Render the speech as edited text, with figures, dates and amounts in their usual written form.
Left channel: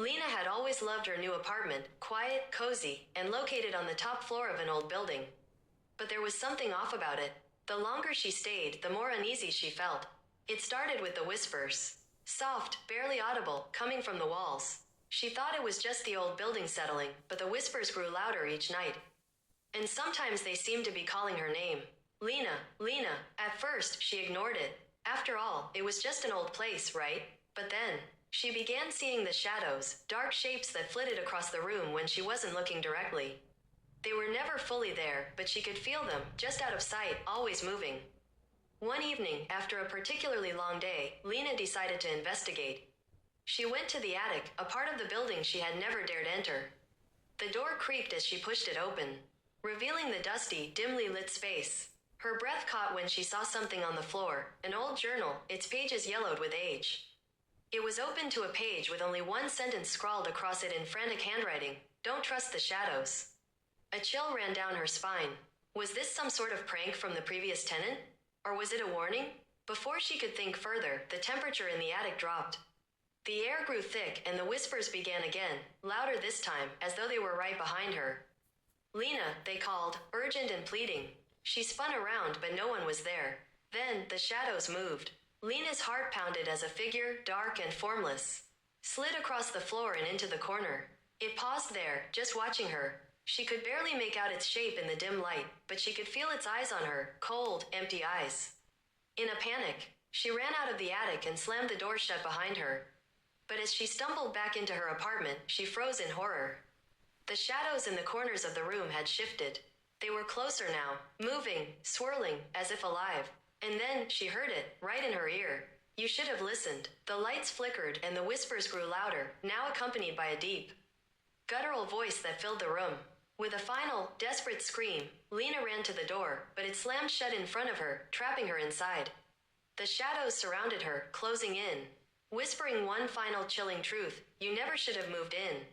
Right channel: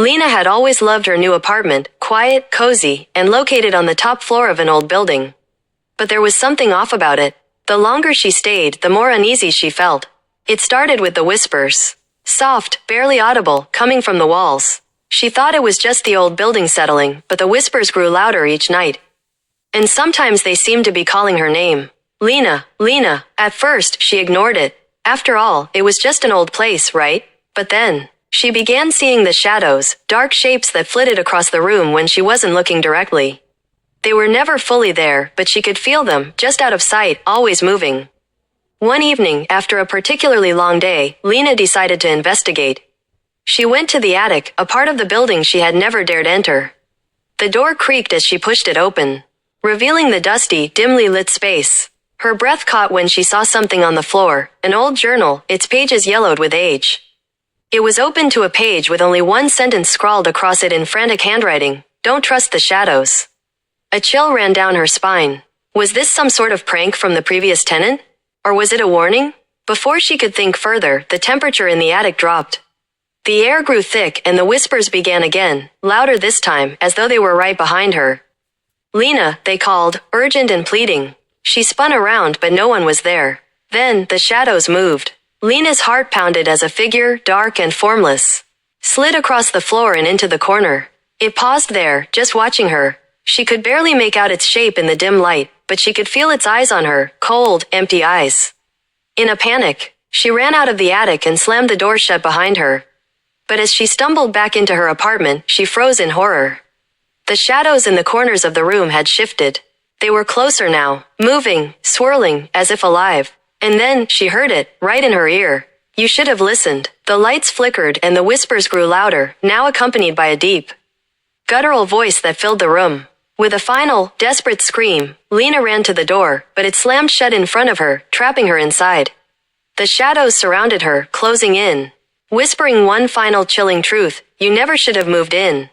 Lena had always loved her new apartment, quiet, cozy, and located on the top floor of an old building. But there was something off about it. The longer she stayed, the more uneasy she felt. It started with the whispers. Soft, barely audible, coming from the walls. She thought it was just the old building settling, but the whispers grew louder each night. And sometimes they seemed to be calling her name. Lena, Lena. At first, she ignored it. After all, it was just an old place, right? But then, she began seeing the shadows, dark shapes that flitted across the room when she wasn't looking directly. They were never fully there, but she could feel them, just out of sight, always moving. One evening, after a particularly long day, Lena decided to investigate. She went to the attic, a part of the building she had never dared enter. The door creaked as she pushed it open, revealing the dusty, dimly lit space. Her breath caught when she saw something on the floor, an old journal, its pages yellowed with age. It was open to a page with only one sentence scrawled across it in frantic handwriting: "Don't trust the shadows." A chill ran down her spine. Was this some sort of prank from the previous tenant? Or was it a warning? Before she could think further, the temperature in the attic dropped. The air grew thick and the whispers began again, louder this time, as though they were right behind her. "Lena," they called, urgent and pleading. She spun around, but no one was there. Then, the shadows moved. Lena's heart pounded as a figure, dark and formless, slid across the floor and into the corner. It paused there, just watching her. She could barely make out its shape in the dim light, but she could feel its eyes on her, cold, empty eyes. In a panic, she ran out of the attic and slammed the door shut behind her. But as she stumbled back into her apartment, she froze in horror. The shadows in the corners of the room had shifted. They were closer now, moving, swirling, as if alive. And then, she heard it, right in her ear. You should have listened. The lights flickered and the whispers grew louder, now accompanied by a deep, guttural voice that filled the room. With a final, desperate scream, Lena ran to the door, but it slammed shut in front of her, trapping her inside. The shadows surrounded her, closing in, whispering one final chilling truth: you never should have moved in.